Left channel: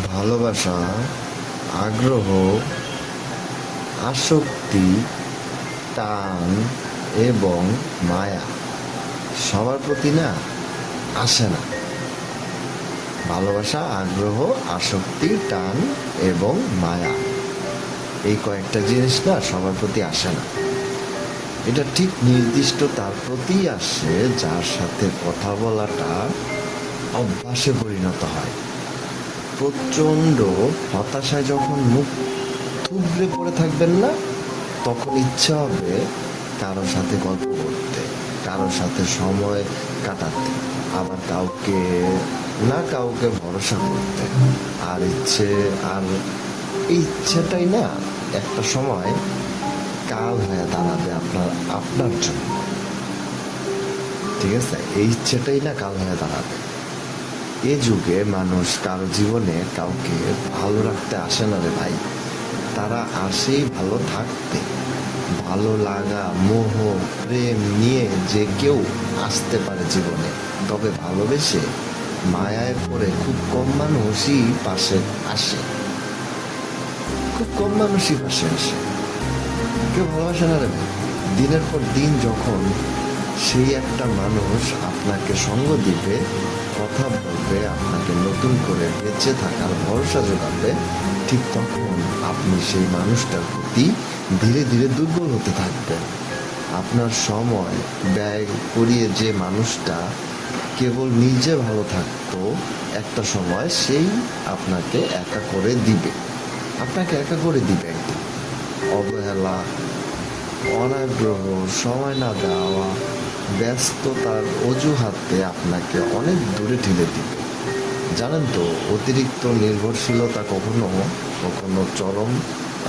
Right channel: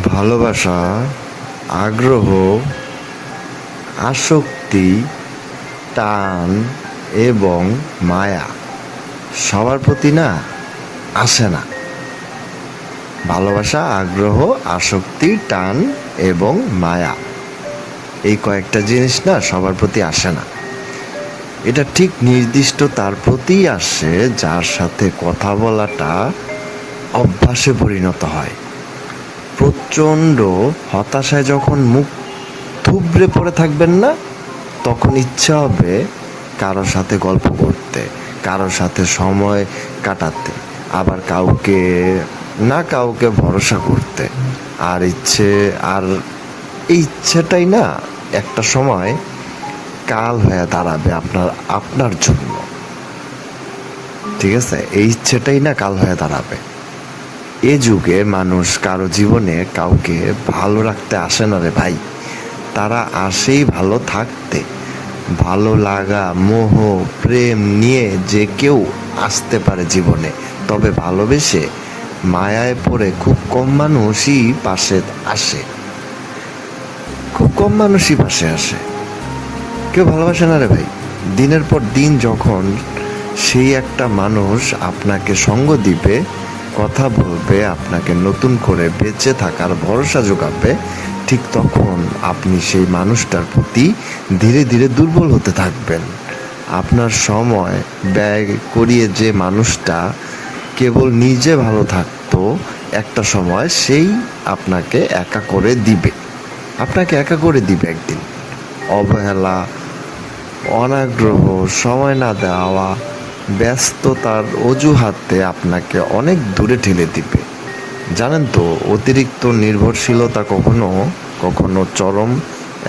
ভালোবাসা, আগ্রহ, আসক্তি, টান এবং মায়া সবার প্রতি না আসে না। ভালোবাসা, আগ্রহ, আসক্তি, টান এবং মায়া, এই কয়েকটা জিনিস না সবার প্রতি আসে না। এটা ঠিক নির্দিষ্ট তার প্রতিই আসে যার সাথে কথা বলাটা অভ্যাসে পরিণত হয়। প্রচণ্ড হতাশায় যখন মুখ থুবড়ে পড়ে থাকবেন না, তখন ইচ্ছা হবে কারোর সাথে গল্প করতে, কারোর সাথে সময় কাটাতে, আবার কাউকে না কাউকে ভরসা করতে। আর এই ইচ্ছেটাই না একটা সময় কাল হয়ে দাঁড়াবে আপনার আপনার জন্য। ঠিক আছে, এই ইচ্ছেটাই না কাল হয়ে দাঁড়াবে। এ যুগে মানুষ কারো জীবনে কাউকে ভালো রাখতে আসে না রে ভাই, তারা আসেই ভালো থাকতে। ভালো লাগা, মোহ, প্রেম নিয়ে যে কেউ আসতে পারে জীবনে, তবে ভালোবেসে মায়ায় পড়ে খুব কম মানুষই পাশে আসে। খুব কম মানুষই পাশে আসে। কেউ ভালোবাসে না রে ভাই। দিনের পর দিন যখন সেই একটা মানুষ আপনাকে সঙ্গ দিবে, কথা বলবে, আপনাকে নতুন করে বেঁচে থাকার ভরসা যোগাবে, ঠিক তখন আপনি সেই মানুষটার প্রতি ধীরে ধীরে দুর্বল হতে থাকবেন। আপনার সময় ব্যয় করিয়ে যে মানুষটা কেবল নিজে ভালো থাকতো, একটা সময় সেই আপনাকে একা করে দিবে। একদিন। অবহেলা, অনাগ্রহ, সময় না দেওয়া, ব্যস্ততার অজুহাতে আপনাকে অনেক দূরে ঠেলে দিবে। জানেন তো, অতিরিক্ত নির্ভরশীলতা কখনো কখনো চরম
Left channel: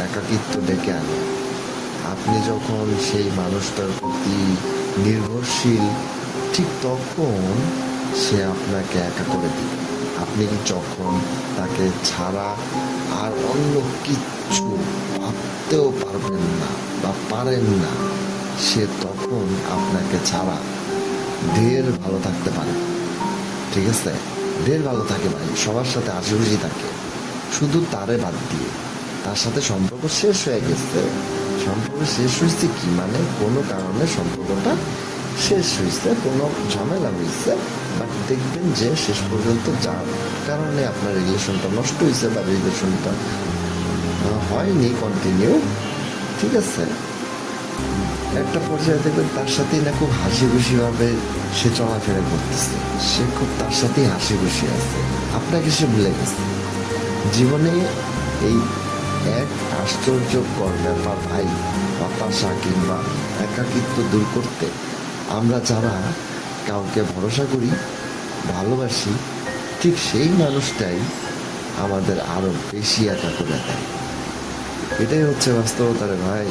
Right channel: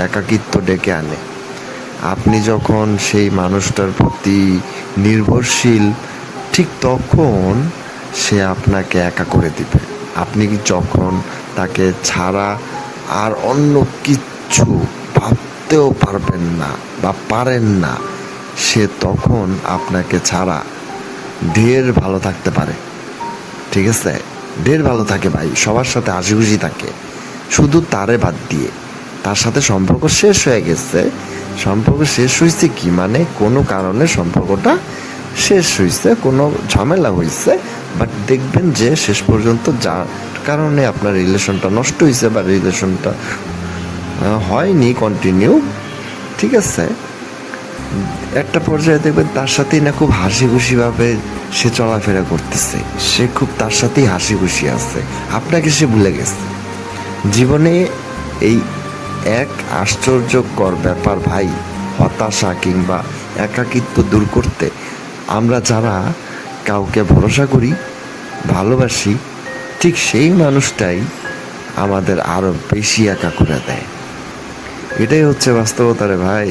একাকিত্ব ডেকে আনে। আপনি যখন সেই মানুষটার প্রতি নির্ভরশীল, ঠিক তখন সে আপনাকে একা করে দিবে। আপনি যখন তাকে ছাড়া আর অন্য কিচ্ছু ভাবতেও পারবেন না বা পারেন না, সে তখন আপনাকে ছাড়া ঢের ভালো থাকতে পারে। ঠিক আছে, ঢের ভালো থাকে ভাই, সবার সাথে হাসি খুশি থাকে, শুধু তারে বাদ দিয়ে। তার সাথে সম্পর্ক শেষ হয়ে গেছে। সম্পর্ক শেষ হয়েছে কি মানে, কোনো কারণে সম্পর্কটা শেষ হয়েছে, কোনো ঝামেলা হয়েছে, বাট দেখবেন যে শেষ পর্যন্ত যার কারণে আপনার রিলেশনটা নষ্ট হয়েছে বা রিলেশনটা হয়নি কন্টিনিউ, ঠিক আছে, একটা পর্যায়ে দেখবেন তার সাথেই না খুব হাসি খুশিভাবে সে চলাফেরা করতেছে, সে খুব তার সাথেই হাসি খুশি আছে, আপনাকে সে ভুলে গেছে। জীবনে এই এক আশ্চর্যকর ব্যাপার ভাই, হতাশা কিংবা একাকিত্ব দূর করতে আমরা যারা কাউকে ভরসা করি, ভালোবাসি, ঠিক সেই মানুষটাই আমাদের আরো বেশি একা করে দেয়। এটাই হচ্ছে বাস্তবতা রে ভাই।